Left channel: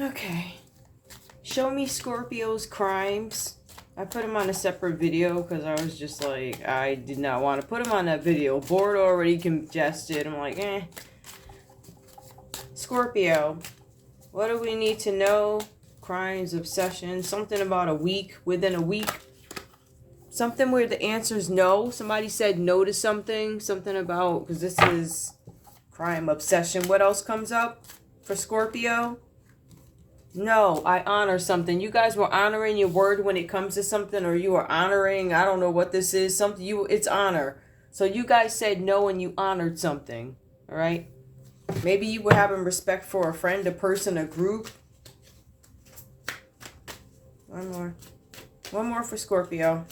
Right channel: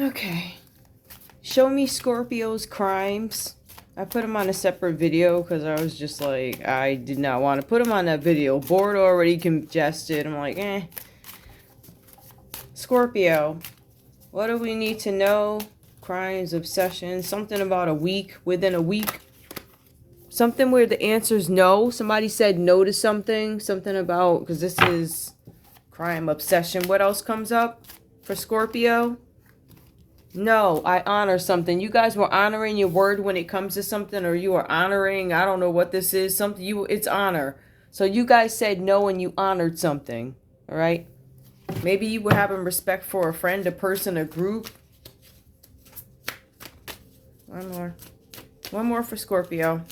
Okay. Show me Scorpio's crimes. I put them on a separate video because I was just like, I did not want to put them on that video. Board already congested. I'm like, eh. Scorpio. What do we need to know? Crimes, obsession, something about a week, within a week. Something where the answer's no. Somebody said no to something. Something about, because this is crime, obsession. What else comes up for Scorpio? No, I honor something. You guys were honoring your word when it comes to something, or you are honoring, I don't know what this is, something it's honor. So you guys said no and you honored something, all right? Maybe you were having respect for a friend, a person, a group. One more. One more for Scorpio.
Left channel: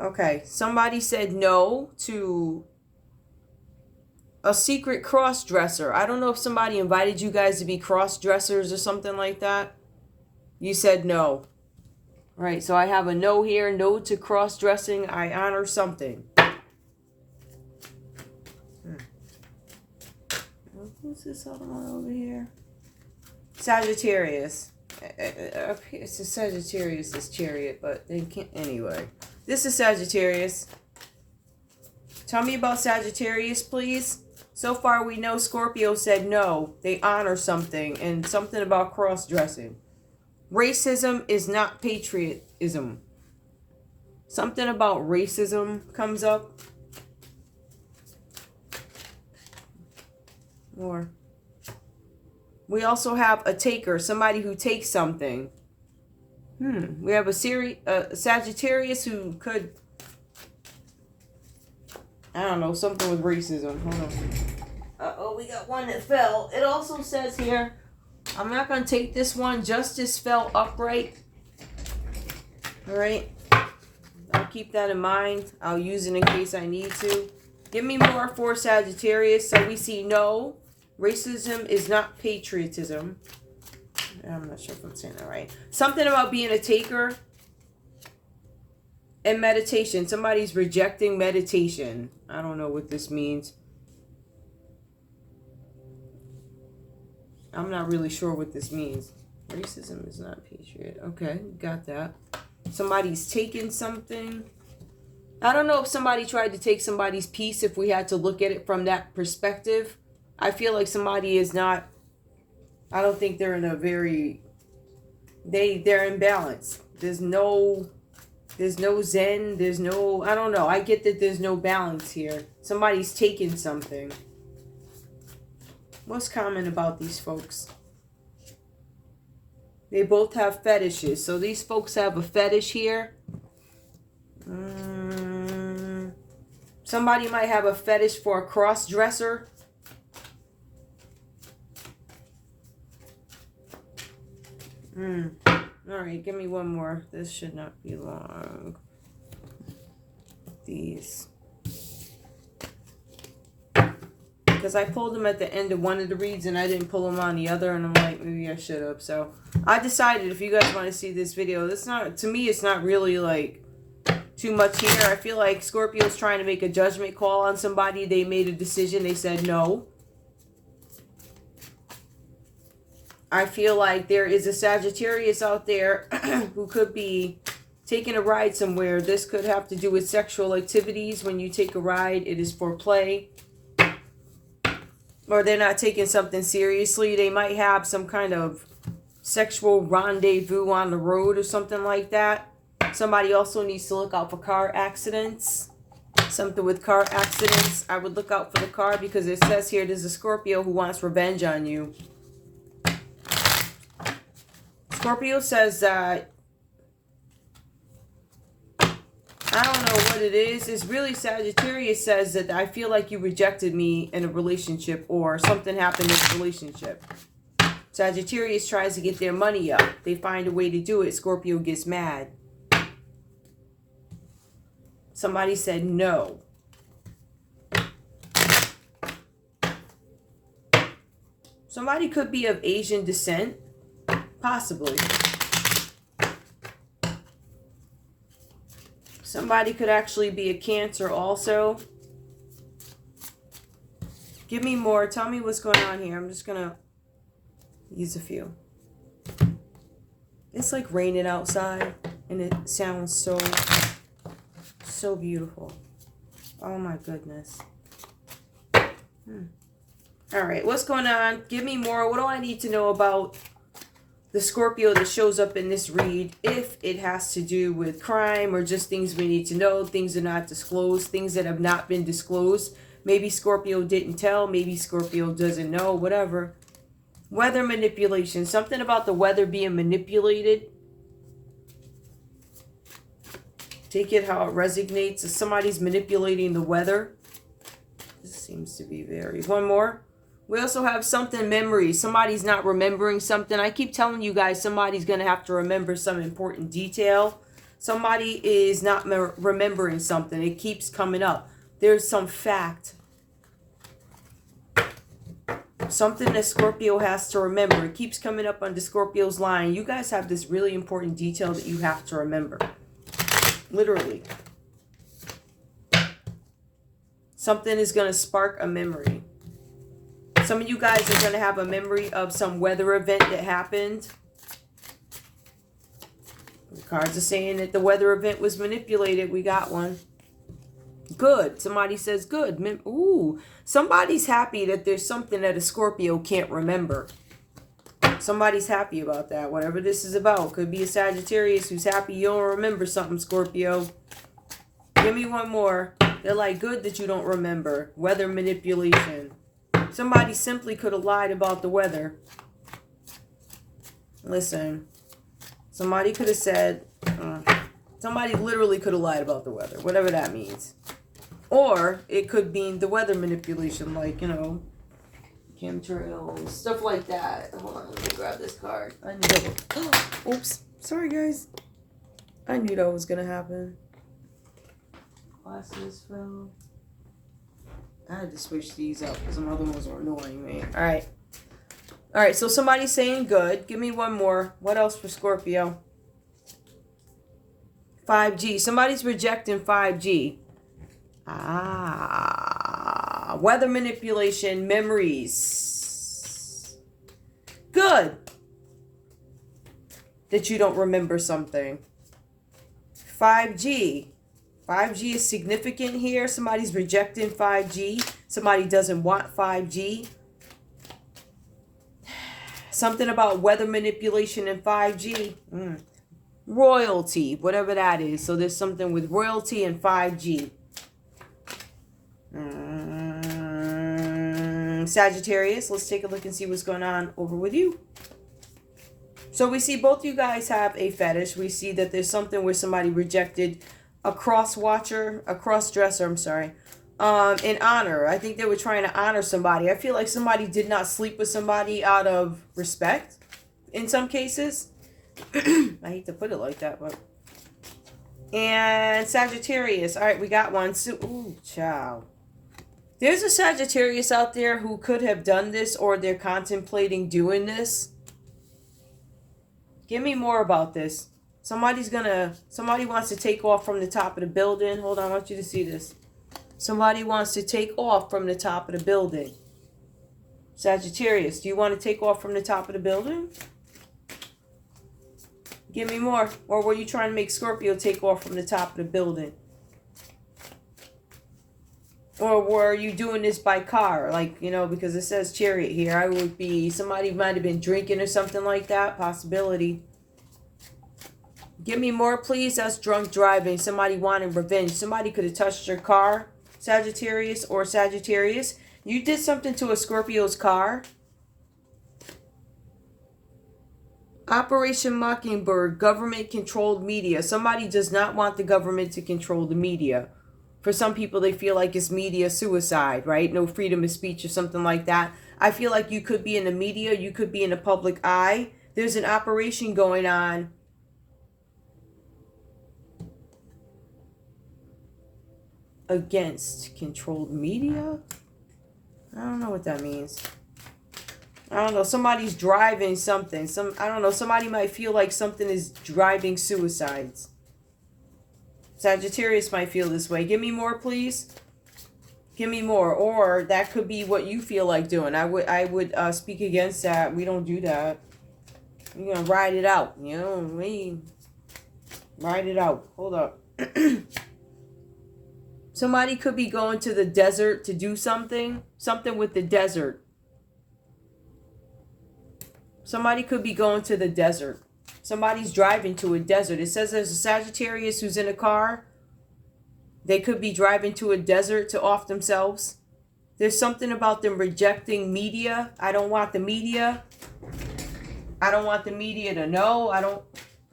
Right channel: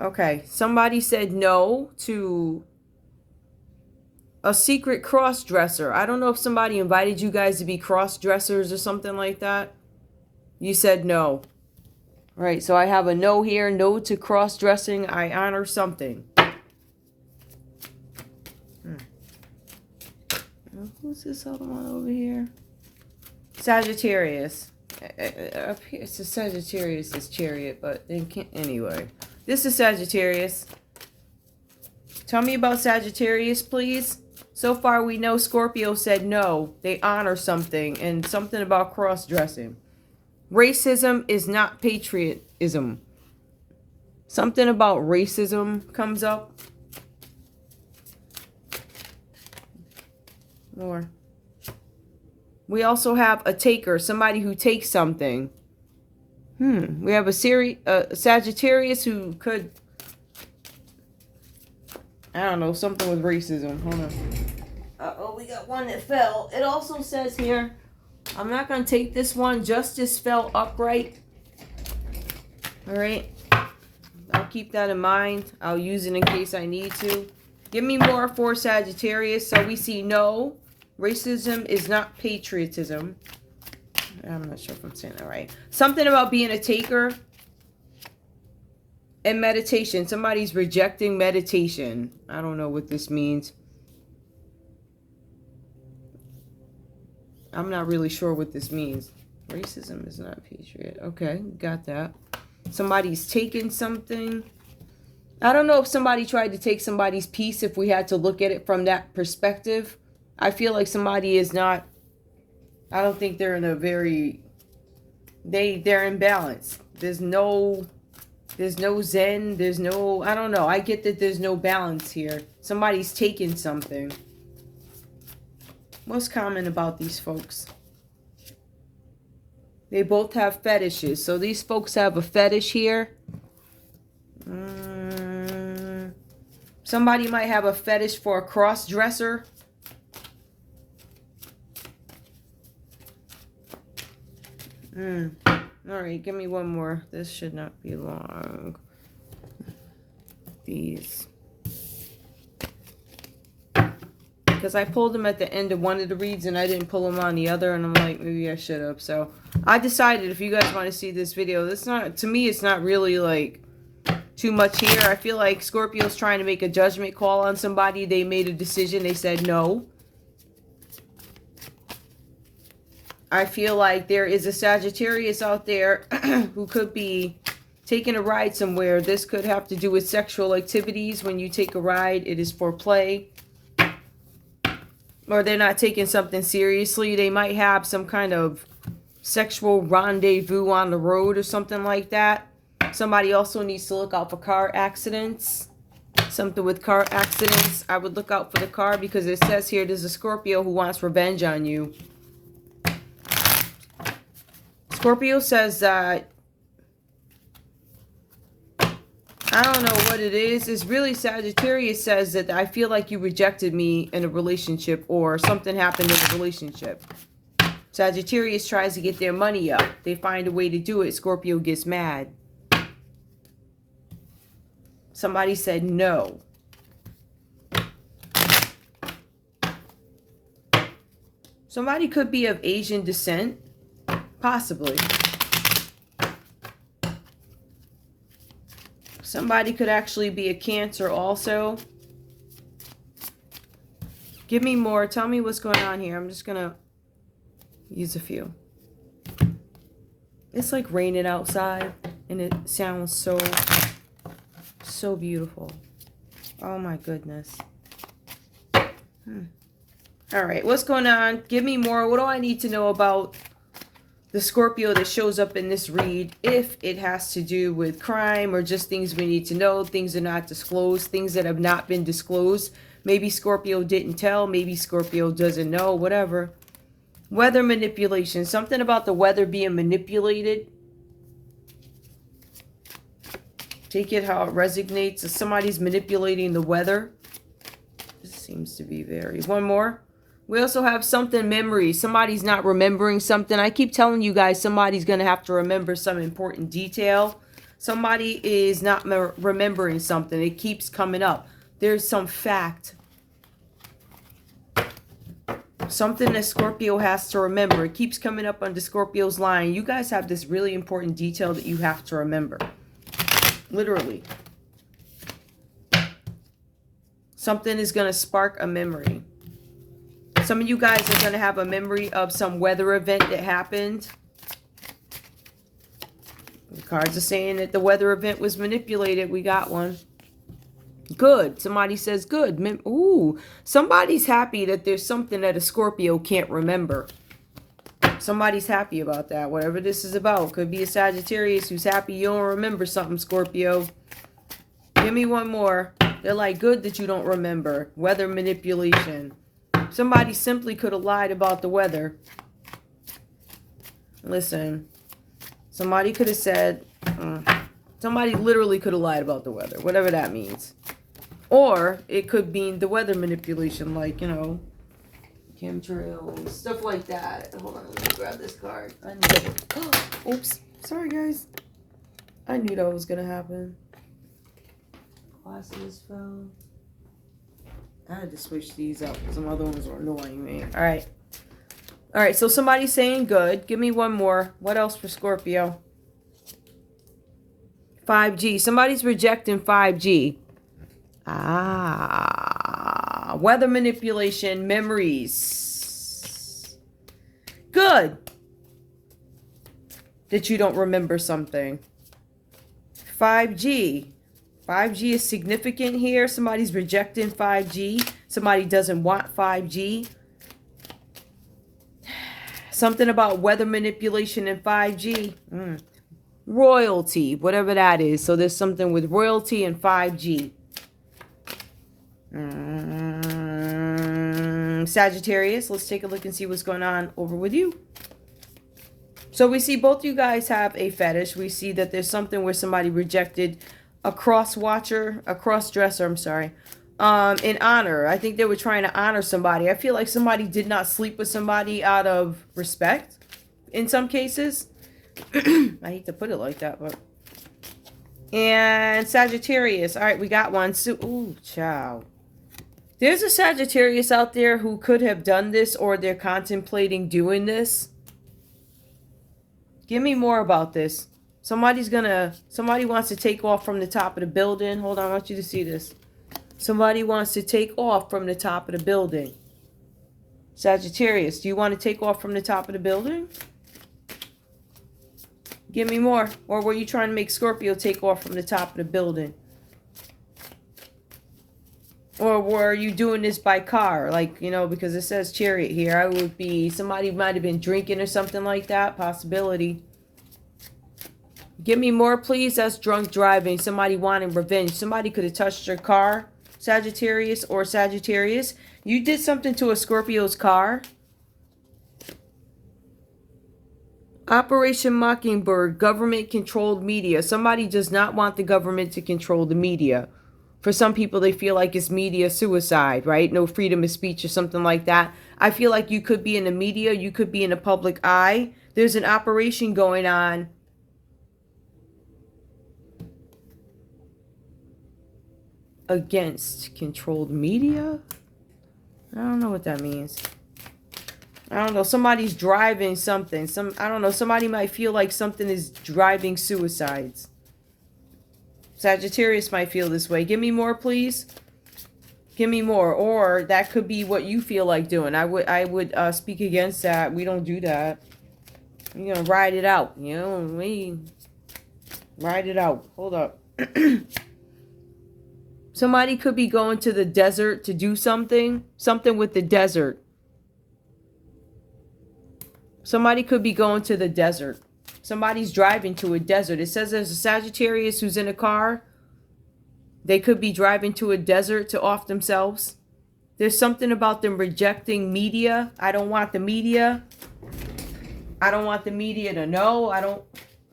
Okay, somebody said no to a secret cross-dresser. I don't know if somebody invited you guys to be cross-dressers or something like that. You said no. All right, so I have a no here. No to cross-dressing. I honor something. Who's this other one over here? Sagittarius. Up here, it's a Sagittarius' chariot, but they can't. Anyway, this is Sagittarius. Tell me about Sagittarius, please. So far, we know Scorpio said no. They honor something, and something about cross-dressing. Racism is not patriotism. Something about racism comes up. More. We also have a taker, somebody who takes something. We have a Sagittarius who could, I don't know, something with racism. Hold on. Uh-oh, we got one that fell. It also says here, I'm not going to take this one. Justice fell upright. All right. I'll keep that in mind. I'll use it in case I need to. Give me more for Sagittarius. So we see no. Racism is not patriotism. I'm not sure if I'm saying that right. Something about being a taker. And meditation. Somebody's rejecting meditation. I don't know what this means. I'm not really sure what this means. Racism is not patriot. Okay, got that. Somebody's taking something. I don't know if somebody tried to take somebody's peace, if we had to look at it from that perspective. I feel like somebody is not, I don't think they're in a very, they're in balance. There's no zen, there's no, I don't know. I get that there's no balance here. Somebody's taking something. What's common about these folks? They both have fetishes. So these folks have a fetish here. Somebody might have a fetish for a cross-dresser. Alright, give me one more. This should not be long. These. Because I pulled them at the end of one of the reads and I didn't pull them on the other, and I'm like, maybe I should have. So I decided, if you guys want to see this video, that's not, to me, it's not really like too much here. I feel like Scorpio's trying to make a judgment call on somebody. They made a decision. They said no. I feel like there is a Sagittarius out there who could be taking a ride somewhere. This could have to do with sexual activities. When you take a ride, it is for play. Or they're not taking something seriously. They might have some kind of sexual rendezvous on the road or something like that. Somebody also needs to look out for car accidents. Something with car accidents. I would look out for the car because it says here there's a Scorpio who wants revenge on you. Scorpio says that, I don't know what it is. It's really Sagittarius says that I feel like you rejected me in a relationship, or something happened in a relationship. Sagittarius tries to get their money up. They find a way to do it. Scorpio gets mad. Somebody said no. Somebody could be of Asian descent. Possibly. Somebody could actually be a Cancer also. Give me more. Tell me what's going on here. I'm just going to use a few. It's like raining outside, and it sounds so beautiful. Oh my goodness. All right, what's going on? Give me more. What do I need to know about the Scorpio that shows up in this read? If it has to do with crime or just things we need to know, things that are not disclosed, things that have not been disclosed. Maybe Scorpio didn't tell. Maybe Scorpio doesn't know. Whatever. Weather manipulation. Something about the weather being manipulated. Take it how it resonates. If somebody's manipulating the weather. This seems to be very... One more. We also have something memory. Somebody's not remembering something. I keep telling you guys somebody's going to have to remember some important detail. Somebody is not remembering something. It keeps coming up. There's some fact. Something that Scorpio has to remember. It keeps coming up under Scorpio's line. You guys have this really important detail that you have to remember. Literally. Something is going to spark a memory. Some of you guys are going to have a memory of some weather event that happened. The cards are saying that the weather event was manipulated. We got one. Good. Somebody says good. Ooh, somebody's happy that there's something that a Scorpio can't remember. Somebody's happy about that. Whatever this is about. Could be a Sagittarius who's happy you don't remember something, Scorpio. Give me one more. They're like, good that you don't remember. Weather manipulation. Somebody simply could have lied about the weather. Listen. Somebody could have said... somebody literally could have lied about the weather. Whatever that means. Or it could be the weather manipulation. Like, you know... chemtrails, stuff like that. Hold on, let me grab this card. I knew that was... Oops. Sorry, guys. I knew that was going to happen. Glasses fell. I had to switch these up because some other ones were annoying me. All right. All right, so somebody's saying good. Give me one more. What else for Scorpio? 5G. Somebody's rejecting 5G. Weather manipulation, memories. Good. That you don't remember something. 5G. 5G is significant here. Somebody's rejecting 5G. Somebody doesn't want 5G. Something about weather manipulation and 5G. Royalty, whatever that is. So there's something with royalty and 5G. Sagittarius, let's take a look and see what's going on over with you. So we see both you guys have a fetish. We see that there's something where somebody rejected a cross-dresser, I'm sorry, in honor. I think they were trying to honor somebody. I feel like somebody did not sleep with somebody out of respect in some cases. I hate to put it like that, but... And Sagittarius. All right, we got one. So, ooh, child. There's a Sagittarius out there who could have done this or they're contemplating doing this. Give me more about this. Somebody wants to take off from the top of the building. Hold on, I want you to see this. Somebody wants to take off from the top of the building. Sagittarius, do you want to take off from the top of the building? Give me more. Or were you trying to make Scorpio take off from the top of the building? Or were you doing this by car? Like, you know, because it says chariot here. I would be, somebody might have been drinking or something like that. Possibility. Give me more, please. That's drunk driving. Somebody wanting revenge. Somebody could have touched your car. Sagittarius or Sagittarius. You did something to a Scorpio's car. Operation Mockingbird. Government-controlled media. Somebody does not want the government to control the media. For some people, they feel like it's media suicide, right? No freedom of speech or something like that. I feel like you could be in the media. You could be in the public eye. There's an operation going on against controlled media. I don't know what that means. I don't know. Somebody's driving something. I don't know. Somebody might feel like something is driving suicides. Sagittarius might feel this way. Give me more, please. Give me more. Or that could be what you feel like doing. I would speak against that. We don't do that. You know, ride it out. You know, we ride it out. Hold up. Somebody could be going to the desert to do something. Something with the desert. Somebody could be going to the desert. Somebody's driving to a desert. It says there's a Sagittarius who's in a car. They could be driving to a desert to off themselves. There's something about them rejecting media. I don't want the media. I don't want the media to know.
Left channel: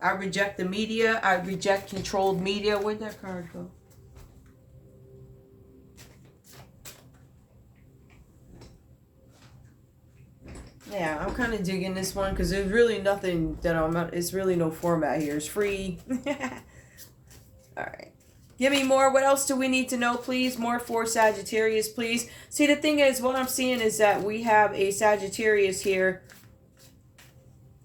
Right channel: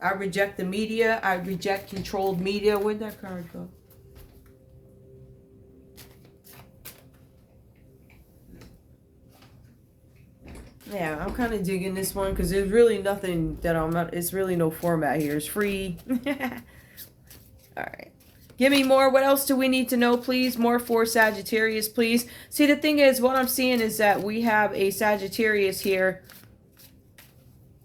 I reject the media. I reject controlled media. Where'd that card go? Yeah, I'm kind of digging this one because there's really nothing that it's really no format here. It's free. All right. Give me more. What else do we need to know, please? More for Sagittarius, please. See, the thing is, what I'm seeing is that we have a Sagittarius here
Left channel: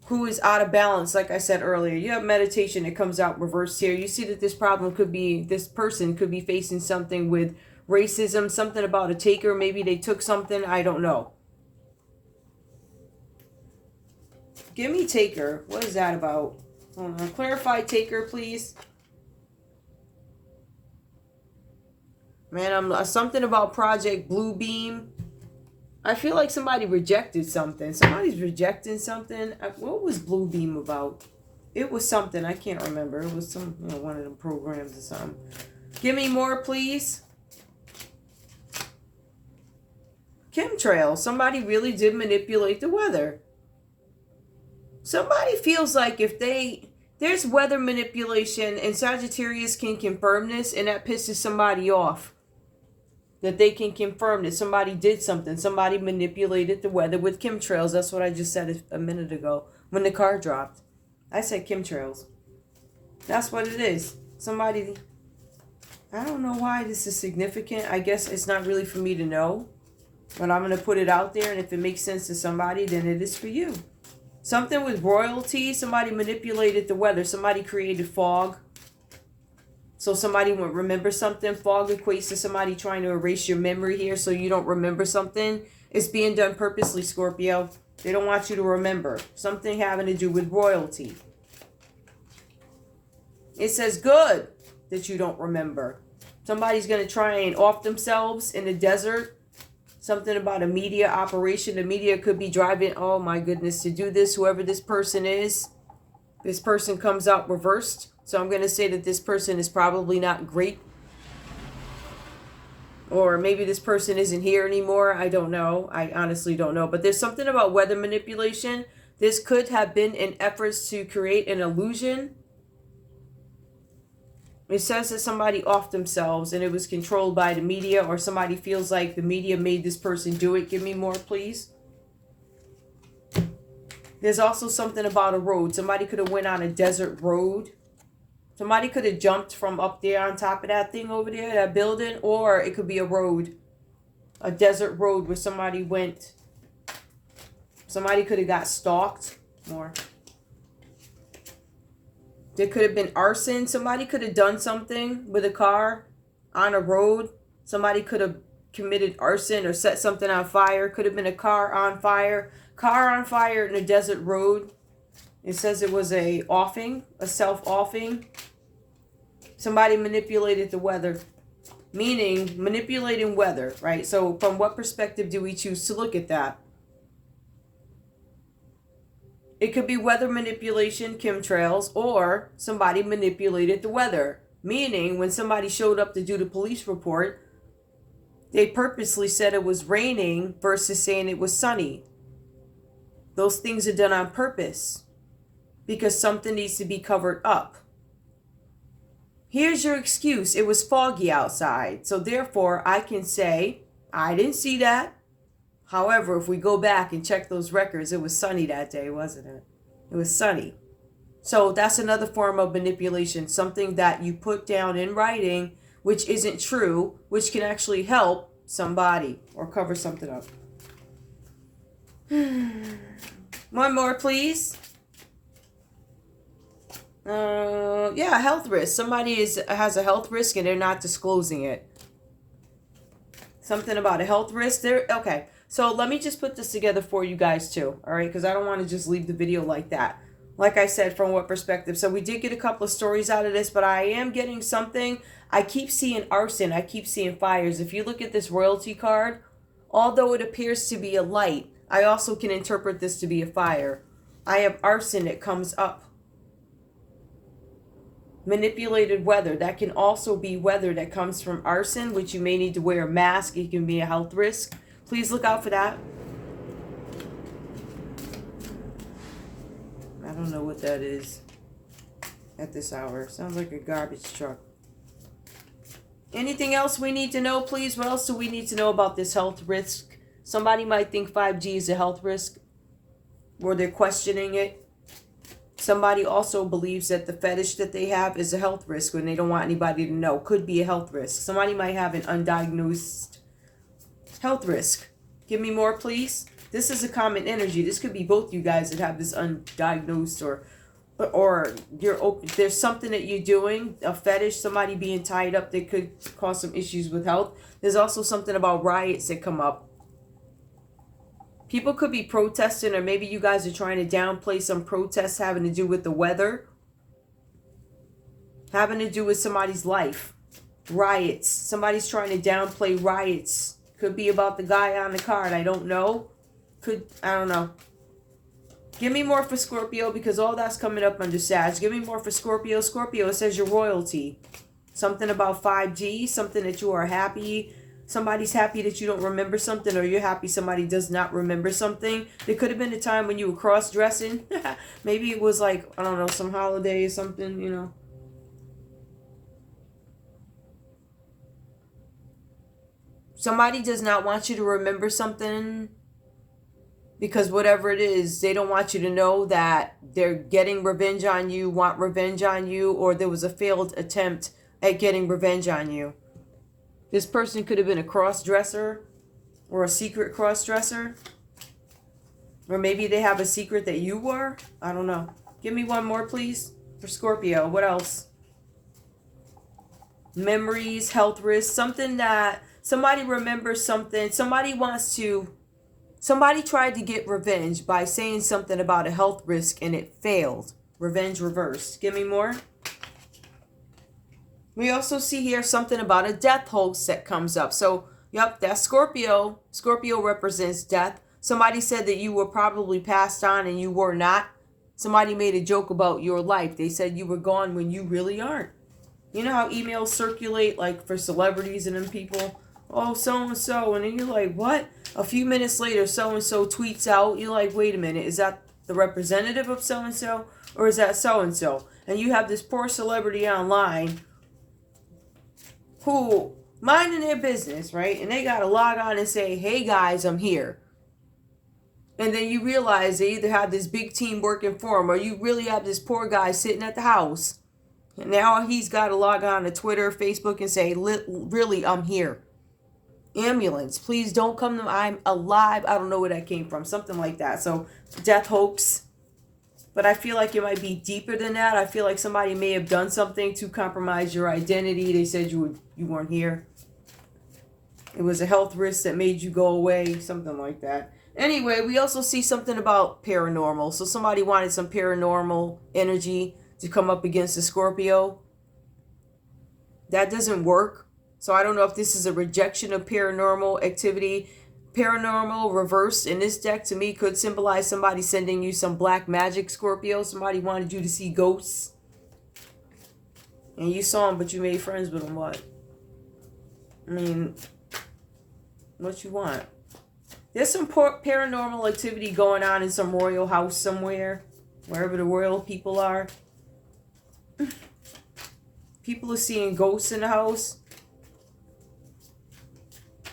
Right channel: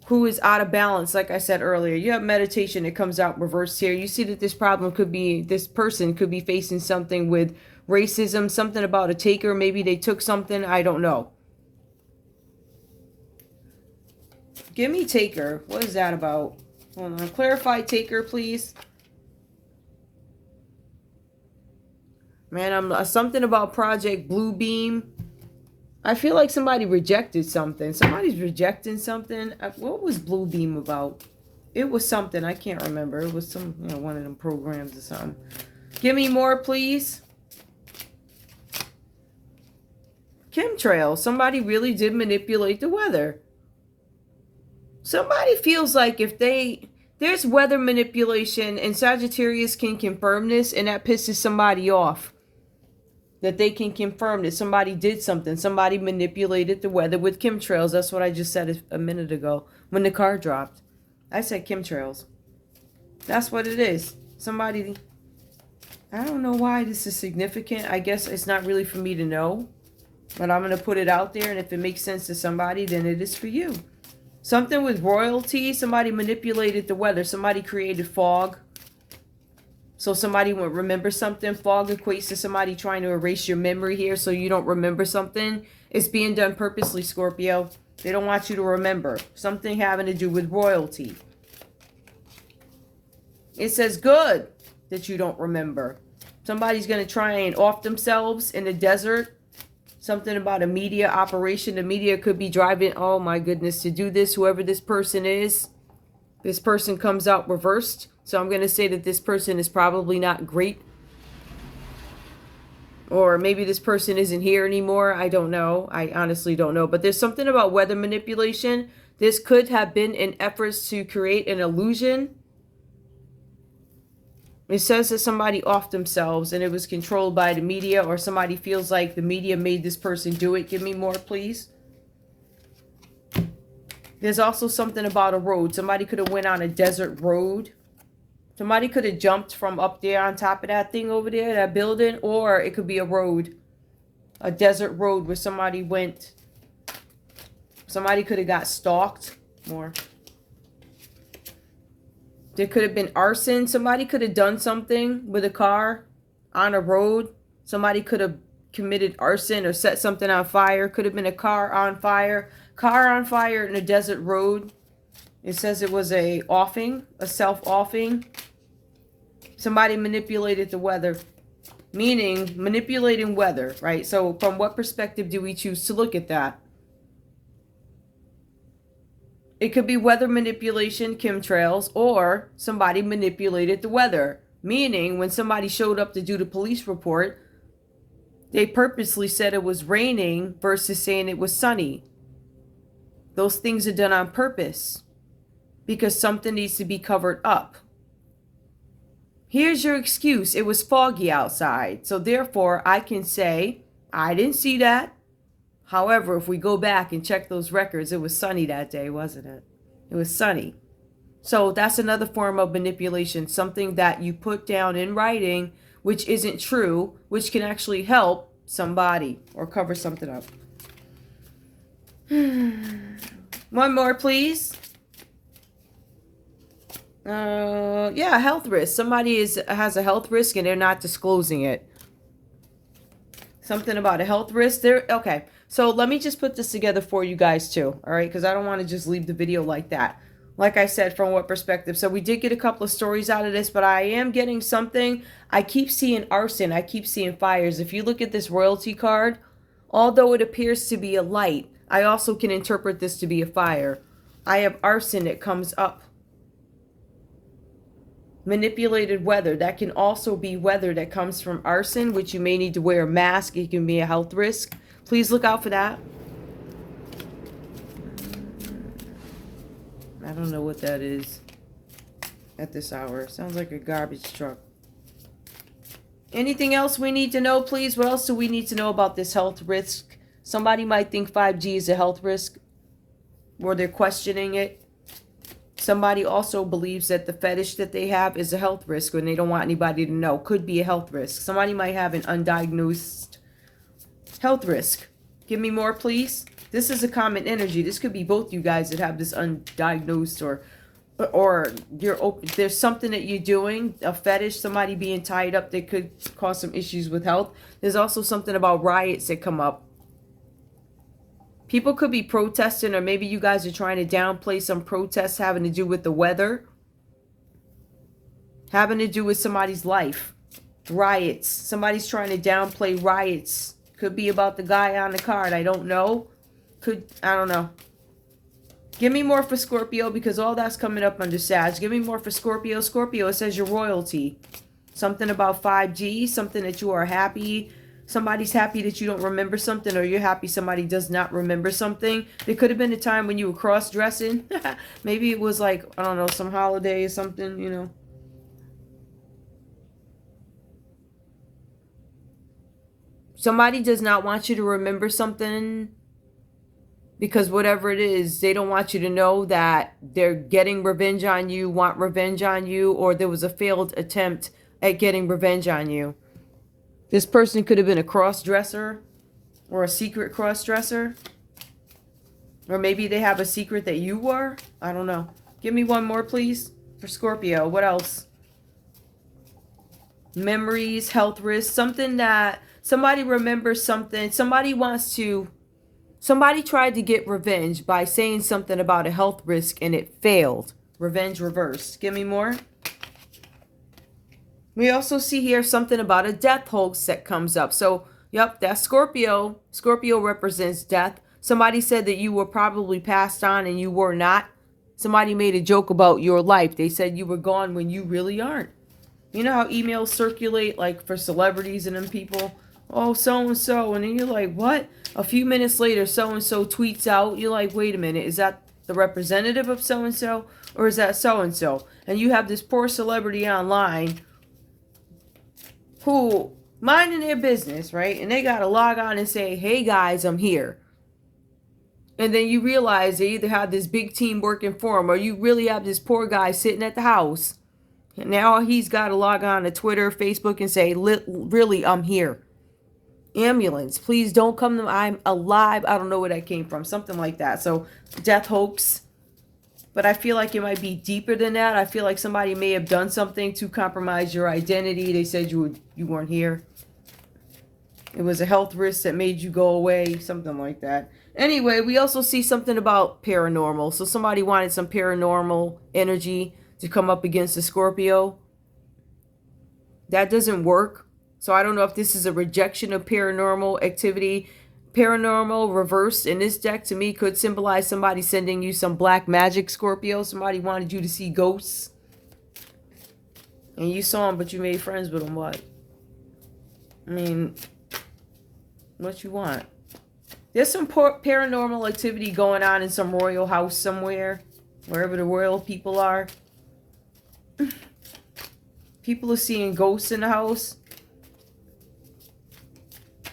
who is out of balance, like I said earlier. You have meditation, it comes out reversed here. You see that this person could be facing something with racism, something about a taker. Maybe they took something. I don't know. Give me taker. What is that about? Hold on. Clarify taker, please. Man, I'm something about Project Bluebeam. I feel like somebody rejected something. Somebody's rejecting something. What was Bluebeam about? It was something. I can't remember. It was some, you know, one of them programs or something. Give me more, please. Chemtrails. Somebody really did manipulate the weather. Somebody feels like if there's weather manipulation and Sagittarius can confirm this, and that pisses somebody off. That they can confirm that somebody did something. Somebody manipulated the weather with chemtrails. That's what I just said a minute ago when the car dropped. I said chemtrails. That's what it is. Somebody, I don't know why this is significant. I guess it's not really for me to know. But I'm going to put it out there, and if it makes sense to somebody, then it is for you. Something with royalty. Somebody manipulated the weather. Somebody created fog. So somebody will remember something. Fog equates to somebody trying to erase your memory here so you don't remember something. It's being done purposely, Scorpio. They don't want you to remember. Something having to do with royalty. It says good that you don't remember. Somebody's going to try and off themselves in the desert. Something about a media operation. The media could be driving, oh my goodness, to do this, whoever this person is. This person comes out reversed. So I'm going to say that this person is probably not great. Or maybe this person isn't here anymore. I don't know. I honestly don't know. But there's something about weather manipulation. This could have been in efforts to create an illusion. It says that somebody offed themselves and it was controlled by the media, or somebody feels like the media made this person do it. Give me more, please. There's also something about a road. Somebody could have went on a desert road. Somebody could have jumped from up there on top of that thing over there, that building, or it could be a road, a desert road where somebody went. Somebody could have got stalked more. There could have been arson. Somebody could have done something with a car on a road. Somebody could have committed arson or set something on fire. Could have been a car on fire. Car on fire in a desert road. It says it was a offing, a self-offing. Somebody manipulated the weather, meaning manipulating weather, right? So from what perspective do we choose to look at that? It could be weather manipulation, chemtrails, or somebody manipulated the weather, meaning when somebody showed up to do the police report, they purposely said it was raining versus saying it was sunny. Those things are done on purpose, because something needs to be covered up. Here's your excuse. It was foggy outside. So therefore, I can say, I didn't see that. However, if we go back and check those records, it was sunny that day, wasn't it? It was sunny. So that's another form of manipulation. Something that you put down in writing, which isn't true, which can actually help somebody or cover something up. One more, please. Yeah, health risk. Somebody has a health risk and they're not disclosing it. Something about a health risk there. Okay, so let me just put this together for you guys too. All right, because I don't want to just leave the video like that. Like I said, from what perspective? So we did get a couple of stories out of this, but I am getting something. I keep seeing arson. I keep seeing fires. If you look at this royalty card, although it appears to be a light, I also can interpret this to be a fire. I have arson that comes up. Manipulated weather. That can also be weather that comes from arson, which you may need to wear a mask. It can be a health risk. Please look out for that. I don't know what that is at this hour. Sounds like a garbage truck. Anything else we need to know, please? What else do we need to know about this health risk? Somebody might think 5G is a health risk, or they're questioning it. Somebody also believes that the fetish that they have is a health risk when they don't want anybody to know. Could be a health risk. Somebody might have an undiagnosed health risk. Give me more, please. This is a common energy. This could be both you guys that have this undiagnosed, or you're open. There's something that you're doing, a fetish, somebody being tied up that could cause some issues with health. There's also something about riots that come up. People could be protesting, or maybe you guys are trying to downplay some protests having to do with the weather, having to do with somebody's life. Riots. Somebody's trying to downplay riots. Could be about the guy on the card. I don't know. I don't know. Give me more for Scorpio, because all that's coming up under Sag. Give me more for Scorpio. Scorpio, it says your royalty. Something about 5G, something that you are happy. Somebody's happy that you don't remember something, or you're happy somebody does not remember something. There could have been a time when you were cross-dressing. Maybe it was like, I don't know, some holiday or something, you know. Somebody does not want you to remember something, because whatever it is, they don't want you to know that they're getting revenge on you, want revenge on you, or there was a failed attempt at getting revenge on you. This person could have been a cross-dresser, or a secret cross-dresser. Or maybe they have a secret that you were. I don't know. Give me one more, please, for Scorpio. What else? Memories, health risks, something that somebody remembers something. Somebody tried to get revenge by saying something about a health risk and it failed. Revenge reversed. Give me more. We also see here something about a death hoax that comes up. So, yep, that's Scorpio. Scorpio represents death. Somebody said that you were probably passed on and you were not. Somebody made a joke about your life. They said you were gone when you really aren't. You know how emails circulate, like for celebrities and them people? Oh, so-and-so. And then you're like, what? A few minutes later, so-and-so tweets out. You're like, wait a minute. Is that the representative of so-and-so? Or is that so-and-so? And you have this poor celebrity online who minding their business, right? And they got to log on and say, hey guys, I'm here. And then you realize they either have this big team working for them, or you really have this poor guy sitting at the house. And now he's got to log on to Twitter, Facebook, and say, really, I'm here. Ambulance, please don't come to, I'm alive. I don't know where that came from. Something like that. So death hoax. But I feel like it might be deeper than that. I feel like somebody may have done something to compromise your identity. They said you weren't here. It was a health risk that made you go away. Something like that. Anyway, we also see something about paranormal. So somebody wanted some paranormal energy to come up against the Scorpio. That doesn't work. So I don't know if this is a rejection of paranormal activity. Paranormal reversed in this deck to me could symbolize somebody sending you some black magic, Scorpio. Somebody wanted you to see ghosts. And you saw them, but you made friends with them. What? I mean, what you want? There's some paranormal activity going on in some royal house somewhere. Wherever the royal people are. People are seeing ghosts in the house.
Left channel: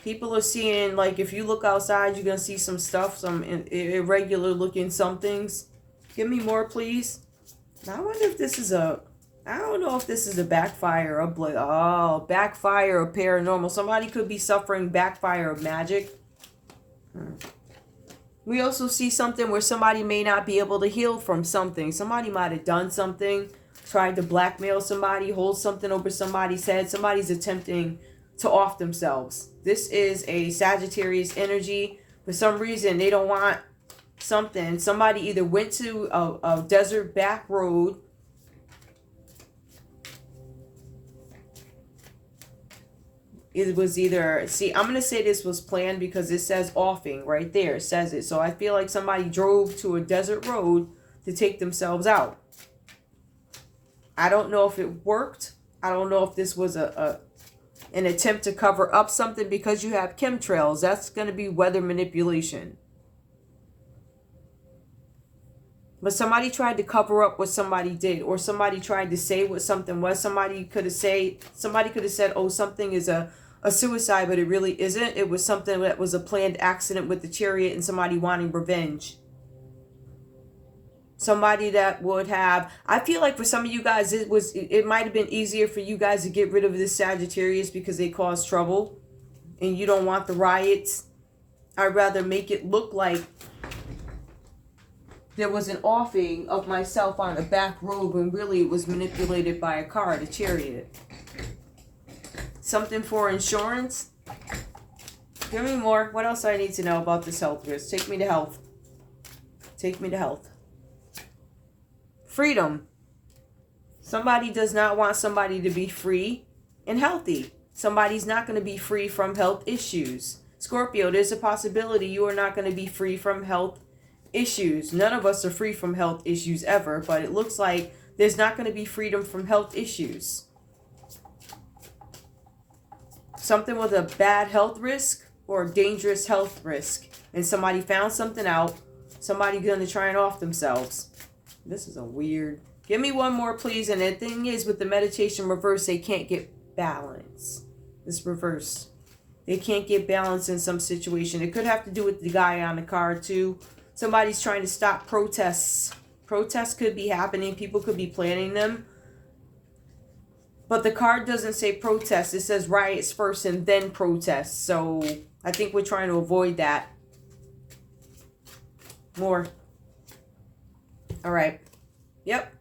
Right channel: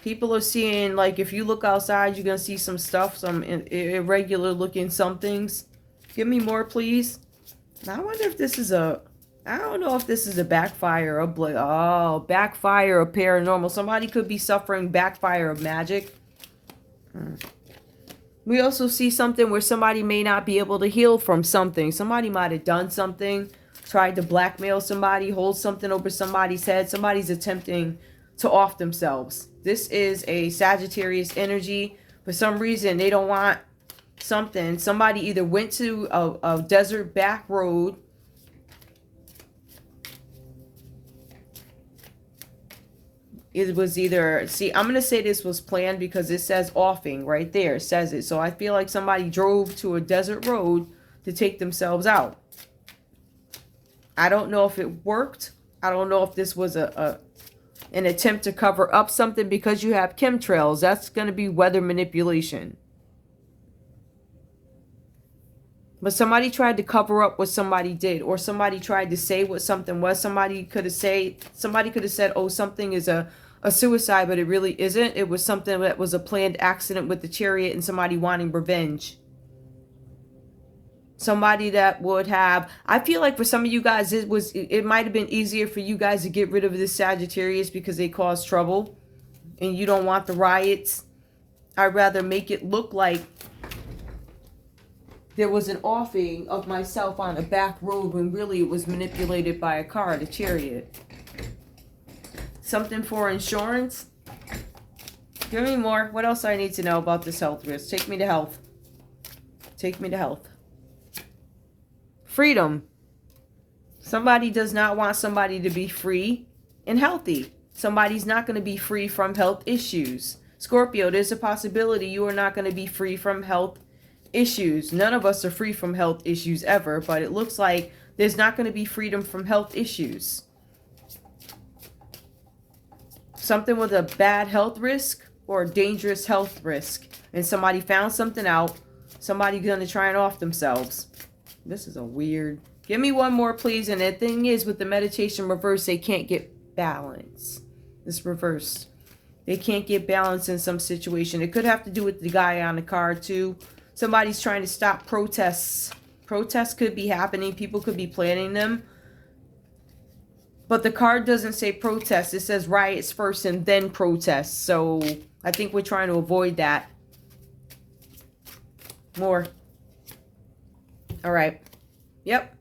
People are seeing, like, if you look outside, you're going to see some stuff, some irregular looking somethings. Give me more, please. I wonder if this is I don't know if this is a backfire of backfire of paranormal. Somebody could be suffering backfire of magic. We also see something where somebody may not be able to heal from something. Somebody might have done something, tried to blackmail somebody, hold something over somebody's head. Somebody's attempting to off themselves. This is a Sagittarius energy. For some reason, they don't want something. Somebody either went to a desert back road. It was either, see, I'm going to say this was planned because it says offing right there. It says it. So I feel like somebody drove to a desert road to take themselves out. I don't know if it worked. I don't know if this was an attempt to cover up something because you have chemtrails. That's going to be weather manipulation. But somebody tried to cover up what somebody did, or somebody tried to say what something was. Somebody could have said, oh, something is a suicide, but it really isn't. It was something that was a planned accident with the chariot and somebody wanting revenge. Somebody that would have, I feel like for some of you guys, it might have been easier for you guys to get rid of this Sagittarius because they caused trouble and you don't want the riots. I'd rather make it look like there was an offing of myself on a back road when really it was manipulated by a car, the chariot. Something for insurance. Give me more. What else do I need to know about this health risk? Take me to health. Take me to health. Freedom. Somebody does not want somebody to be free and healthy. Somebody's not going to be free from health issues. Scorpio, there's a possibility you are not going to be free from health issues. None of us are free from health issues ever, but it looks like there's not going to be freedom from health issues. Something with a bad health risk or a dangerous health risk. And somebody found something out. Somebody's going to try and off themselves. This is a weird. Give me one more, please. And the thing is, with the meditation reverse, they can't get balance. This reverse. They can't get balance in some situation. It could have to do with the guy on the card, too. Somebody's trying to stop protests. Protests could be happening. People could be planning them. But the card doesn't say protest. It says riots first and then protests. So I think we're trying to avoid that. More. All right. Yep.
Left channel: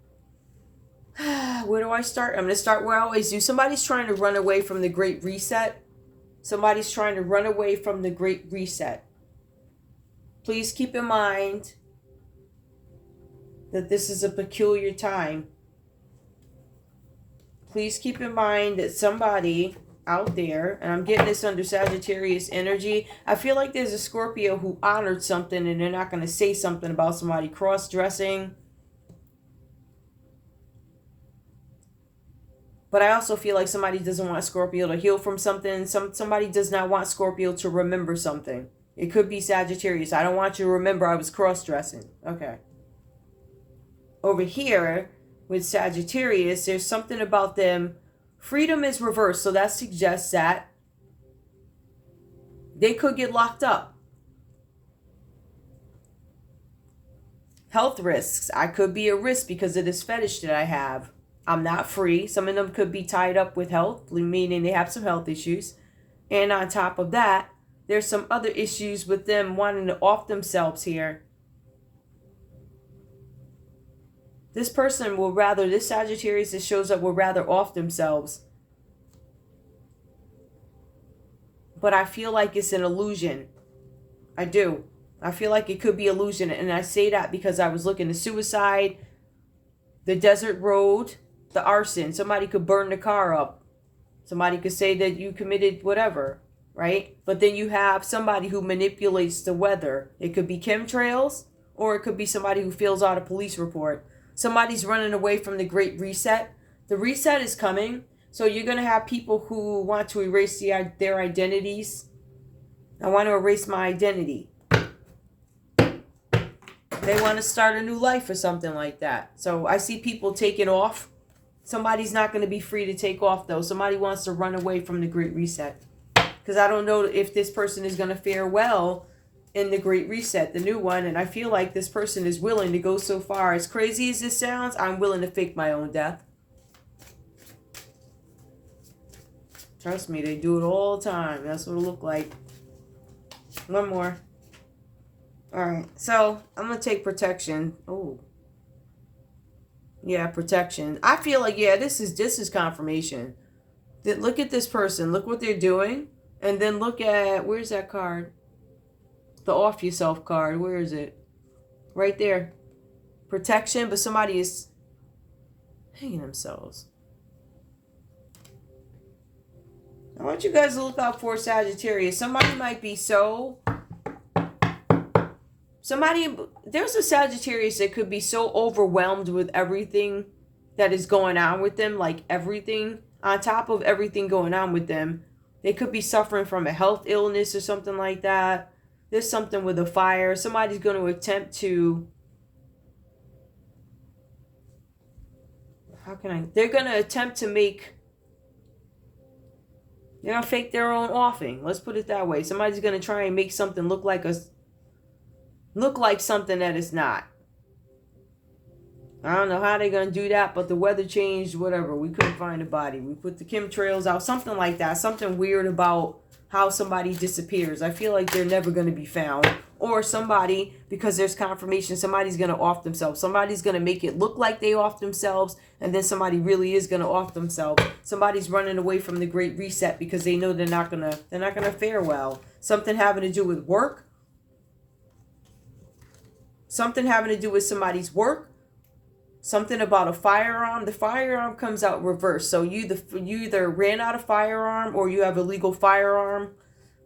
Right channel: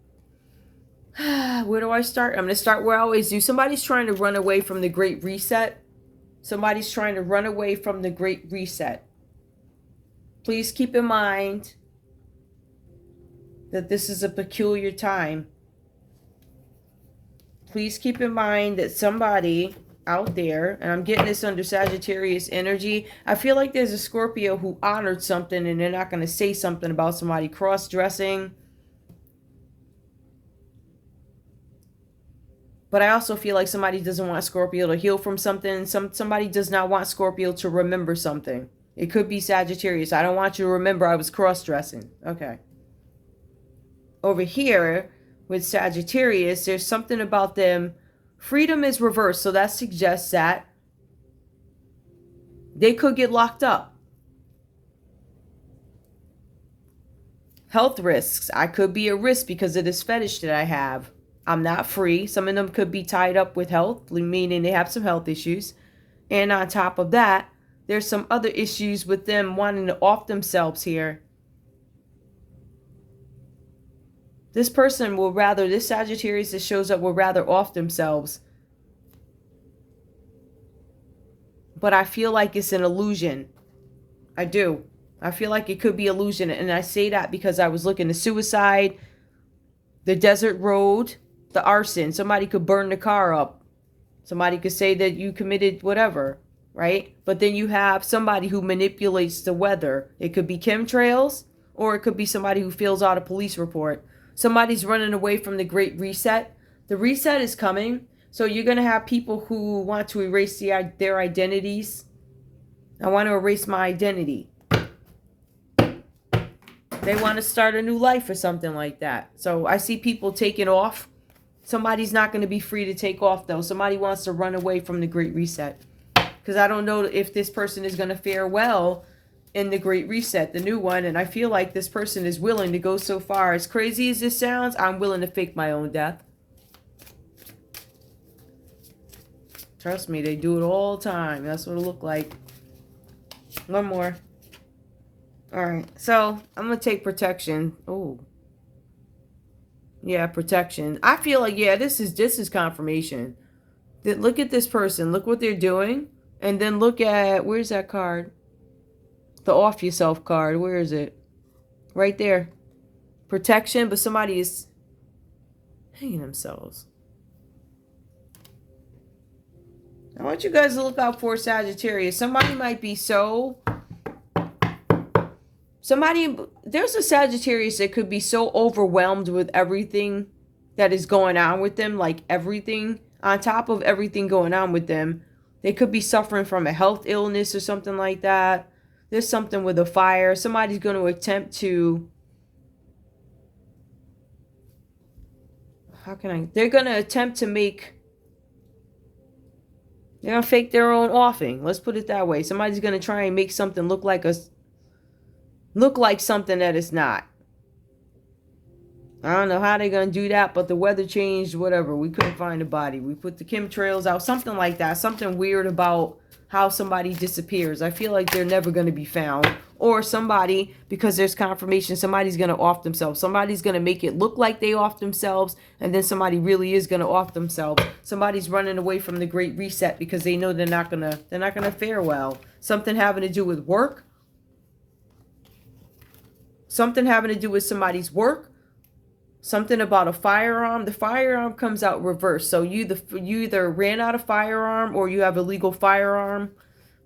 Where do I start? I'm going to start where I always do. Somebody's trying to run away from the Great Reset. Somebody's trying to run away from the Great Reset. Please keep in mind that this is a peculiar time. Please keep in mind that somebody out there, and I'm getting this under Sagittarius energy, I feel like there's a Scorpio who honored something and they're not going to say something about somebody cross-dressing. But I also feel like somebody doesn't want Scorpio to heal from something. Somebody does not want Scorpio to remember something. It could be Sagittarius. I don't want you to remember I was cross-dressing. Okay. Over here with Sagittarius, there's something about them. Freedom is reversed, so that suggests that they could get locked up. Health risks. I could be a risk because of this fetish that I have. I'm not free. Some of them could be tied up with health, meaning they have some health issues. And on top of that, there's some other issues with them wanting to off themselves here. This person will rather, this Sagittarius that shows up will rather off themselves. But I feel like it's an illusion. I do. I feel like it could be illusion. And I say that because I was looking at suicide, the desert road, the arson. Somebody could burn the car up. Somebody could say that you committed whatever, right? But then you have somebody who manipulates the weather. It could be chemtrails, or it could be somebody who fills out a police report. Somebody's running away from the Great Reset. The reset is coming. So you're going to have people who want to erase their identities. I want to erase my identity. They want to start a new life or something like that. So I see people taking off. Somebody's not going to be free to take off, though. Somebody wants to run away from the Great Reset. Because I don't know if this person is going to fare well in the Great Reset, the new one. And I feel like this person is willing to go so far. As crazy as this sounds, I'm willing to fake my own death. Trust me, they do it all the time. That's what it look like. One more. All right, so I'm going to take protection. Oh. Yeah, protection. I feel like, yeah, this is confirmation. Look at this person. Look what they're doing. And then look at, where's that card? The off yourself card. Where is it? Right there. Protection, but somebody is hanging themselves. I want you guys to look out for Sagittarius. Somebody might be there's a Sagittarius that could be so overwhelmed with everything that is going on with them, like everything, on top of everything going on with them. They could be suffering from a health illness or something like that. There's something with a fire. Somebody's going to attempt to, they're going to attempt to they're going to fake their own offing. Let's put it that way. Somebody's going to try and make something look like something that it's not. I don't know how they're going to do that, but the weather changed, whatever. We couldn't find a body. We put the chemtrails out, something like that. Something weird about how somebody disappears. I feel like they're never going to be found. Or somebody, because there's confirmation, somebody's going to off themselves. Somebody's going to make it look like they off themselves, and then somebody really is going to off themselves. Somebody's running away from the Great Reset because they know they're not going to fare well. Something having to do with work. Something having to do with somebody's work. Something about a firearm. The firearm comes out reversed. So you either ran out of firearm or you have a legal firearm.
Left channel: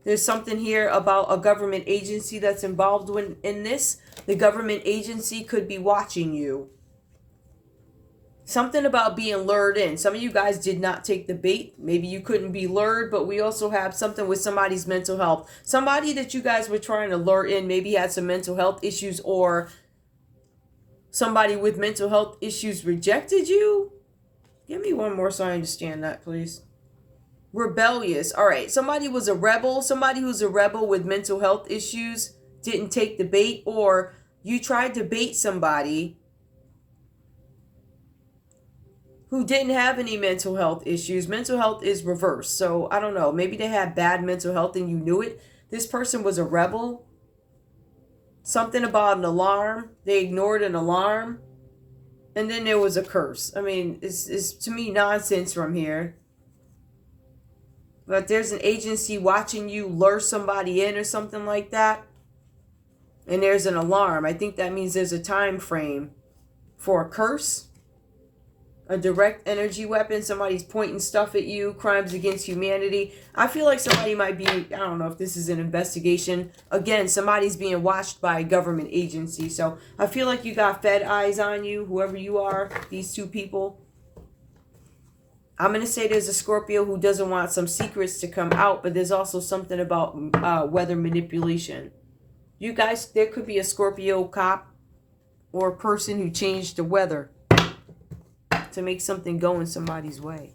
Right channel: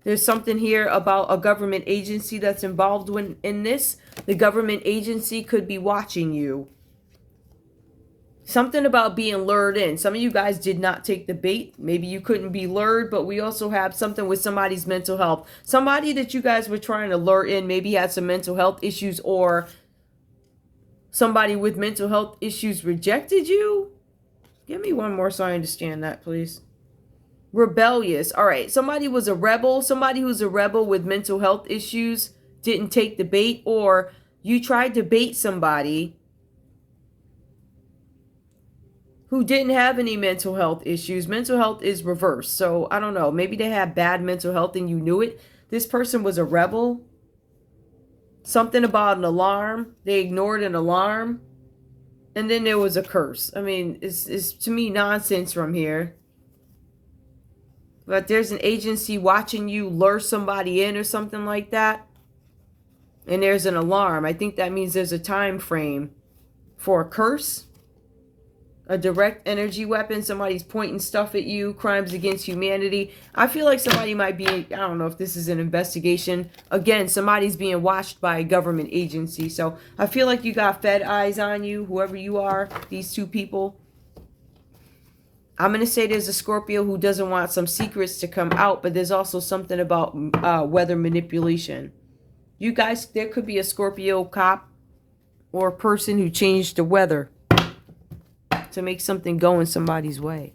There's something here about a government agency that's involved in this. The government agency could be watching you. Something about being lured in. Some of you guys did not take the bait. Maybe you couldn't be lured, but we also have something with somebody's mental health. Somebody that you guys were trying to lure in maybe had some mental health issues, or somebody with mental health issues rejected you. Give me one more so I understand that, please. Rebellious. All right. Somebody was a rebel. Somebody who's a rebel with mental health issues didn't take the bait, or you tried to bait somebody who didn't have any mental health issues. Mental health is reversed. So I don't know. Maybe they had bad mental health and you knew it. This person was a rebel. Something about an alarm. They ignored an alarm. And then there was a curse. I mean, it's to me nonsense from here. But there's an agency watching you lure somebody in or something like that. And there's an alarm. I think that means there's a time frame for a curse. A direct energy weapon. Somebody's pointing stuff at you. Crimes against humanity. I feel like somebody might be, I don't know if this is an investigation. Again, somebody's being watched by a government agency. So I feel like you got Fed eyes on you, whoever you are, these two people. I'm going to say there's a Scorpio who doesn't want some secrets to come out, but there's also something about weather manipulation. You guys, there could be a Scorpio cop or person who changed the weather to make something go in somebody's way.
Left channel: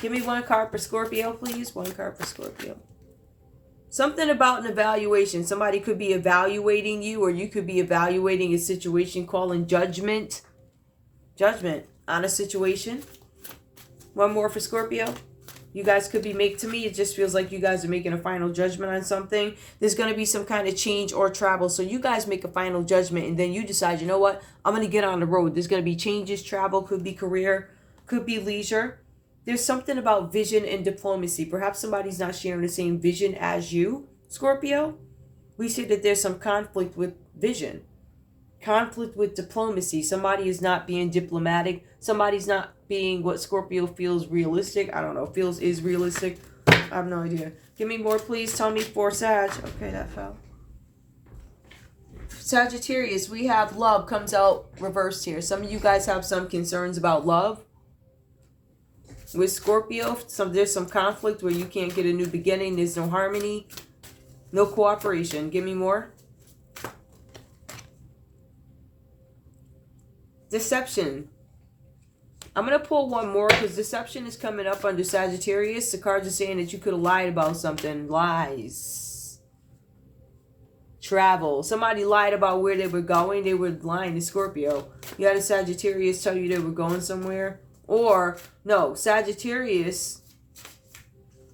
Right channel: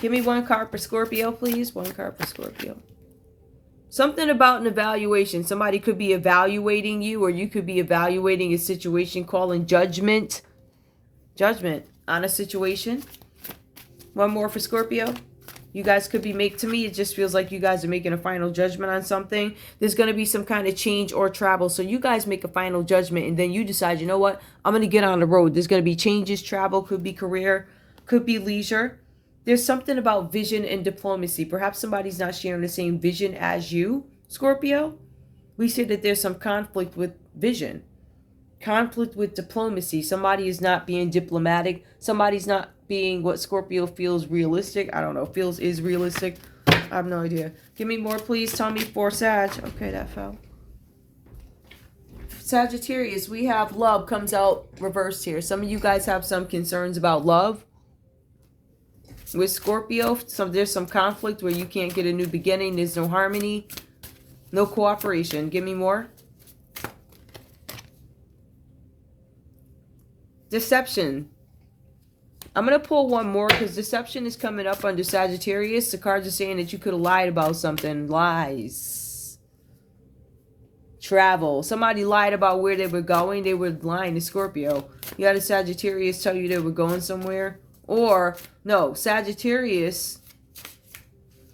Give me one card for Scorpio, please. One card for Scorpio. Something about an evaluation. Somebody could be evaluating you, or you could be evaluating a situation, calling judgment. Judgment on a situation. One more for Scorpio. You guys could be to me, it just feels like you guys are making a final judgment on something. There's going to be some kind of change or travel. So you guys make a final judgment and then you decide, you know what? I'm going to get on the road. There's going to be changes, travel, could be career, could be leisure. There's something about vision and diplomacy. Perhaps somebody's not sharing the same vision as you, Scorpio. We say that there's some conflict with vision. Conflict with diplomacy. Somebody is not being diplomatic. Somebody's not being what Scorpio feels realistic. I don't know. Feels is realistic. I have no idea. Give me more, please. Tell me for Sag. Okay, that fell. Sagittarius, we have love comes out reversed here. Some of you guys have some concerns about love. With Scorpio, there's some conflict where you can't get a new beginning. There's no harmony. No cooperation. Give me more. Deception. I'm going to pull one more because deception is coming up under Sagittarius. The cards are saying that you could have lied about something. Lies. Travel. Somebody lied about where they were going. They were lying to Scorpio. You had a Sagittarius tell you they were going somewhere. Or, no, Sagittarius.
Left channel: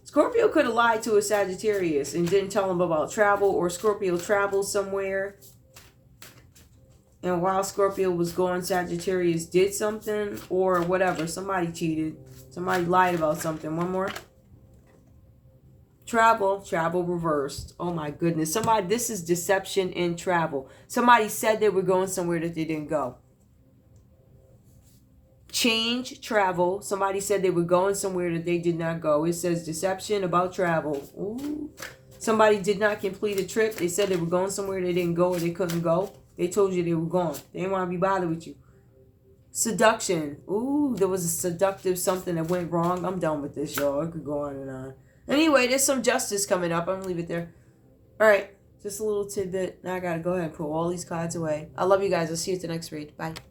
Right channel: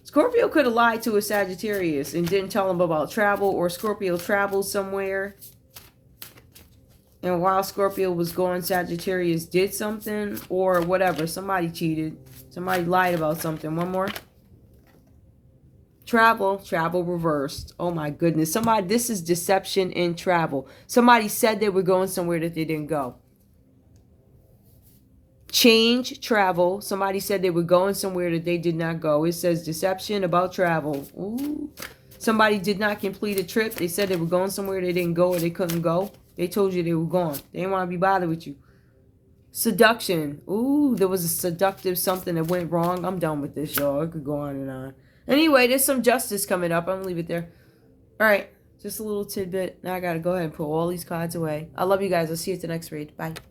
Scorpio could have lied to a Sagittarius and didn't tell him about travel. Or Scorpio traveled somewhere. And while Scorpio was gone, Sagittarius did something or whatever. Somebody cheated. Somebody lied about something. One more. Travel reversed. Oh my goodness. This is deception in travel. Somebody said they were going somewhere that they didn't go. Change, travel. Somebody said they were going somewhere that they did not go. It says deception about travel. Ooh. Somebody did not complete a trip. They said they were going somewhere they didn't go or they couldn't go. They told you they were gone. They didn't want to be bothered with you. Seduction. Ooh, there was a seductive something that went wrong. I'm done with this, y'all. It could go on and on. Anyway, there's some justice coming up. I'm going to leave it there. All right. Just a little tidbit. Now I got to go ahead and put all these cards away. I love you guys. I'll see you at the next read. Bye.